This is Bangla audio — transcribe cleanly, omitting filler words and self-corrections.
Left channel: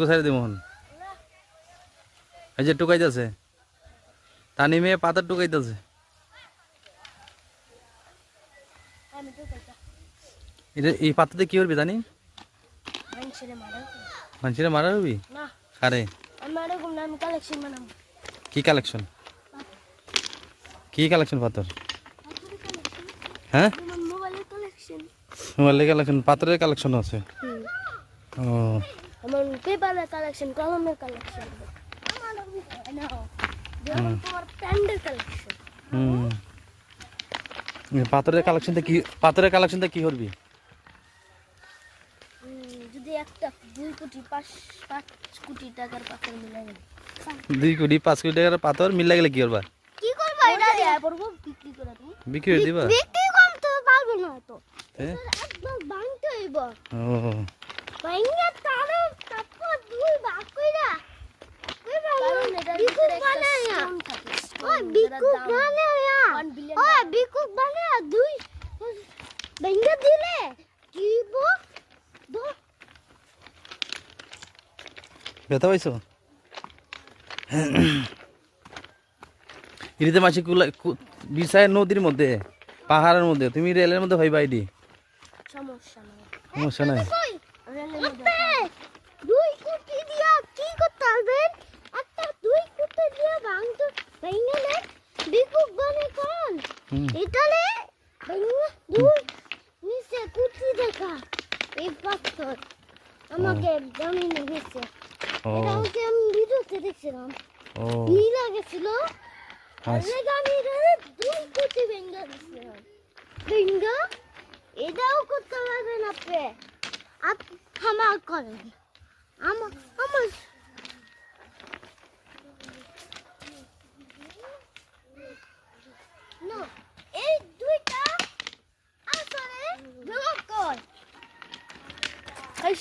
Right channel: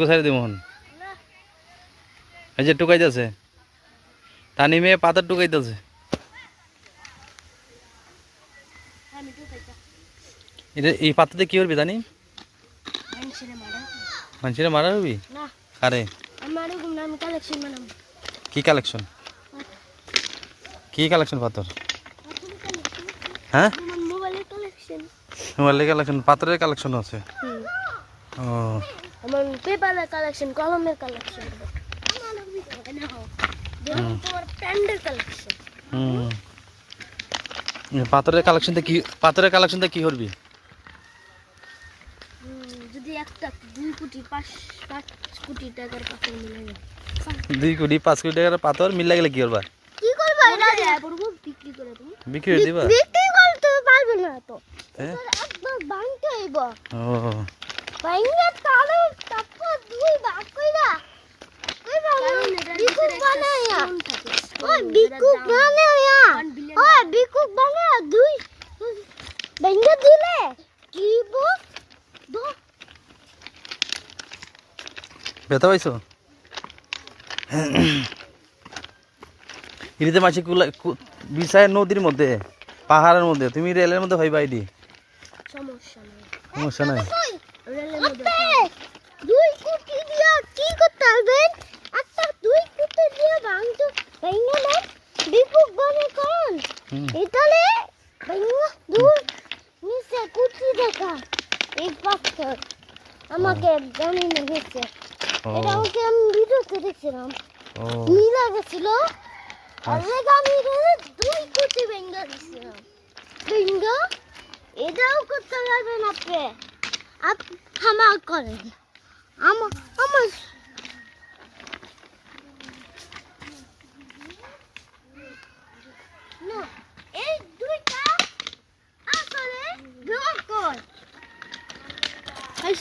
কোথায় দি মোহন এই যে টুকাইতেছে তানি মেয়ে পাতার টুকাইতেছে এটা এই পাতাতে কি করবি জানি মানুষের মারা হবি আরে কি কালেকশন কি কালেকশন পাথর হ্যাঁ মোবাইলের কালেকশন পাথরের কালেকশন আছে ও আমার পেপারের কালেকশন কলমের কালেকশন তোমার প্যান্ডের কালেকশন পাথরের কালেকশনটা কি করবি যদি একটা 2 কোটি 5 কোটি টাকার পাথর মিলাই 2 কোটি 5 কোটি টাকার পাথর মিলা গেলে কি করবা কি করবা এটা পড়বো বিক্রি করে তুমি বিক্রি করে দিবা বিক্রি করতে পারবে না তো একবার ভাঙতে হইব ও ভাঙা তারপর দুই ভাগ কইরা বিকুক বানায়া ওই বিকুক বানায়া ওই বিকুক বানায়া দুই ভাঙা দিলে কি ব্যথা পাইছো ইরিতে মাছি বিছায় নদীর মধ্যে পাহাড়ের মধ্যে তুমি রেলের মধ্যে হইবা আইডি সমস্যা নাই রেলের মধ্যে 2 কোটি দিয়া কি করতে হবে একটা 2 কোটি দিয়া ভাঙতে ভাঙা না বিকুক বানে কোন এটালে ভাঙা দুই নিচে কুচি দেখা এই পাথর আমাকে জানি না হচ্ছে এটা হচ্ছে আমি ভিডিওতে দেখছিলাম নীলা গেছিল আরে আমি 2 কোটি ভাঙা দিছিলাম ভাঙা এটাও করতে পারবে না আপনি আমার করেন আমার না এই দুইটা আসলে গ্রহ কর এই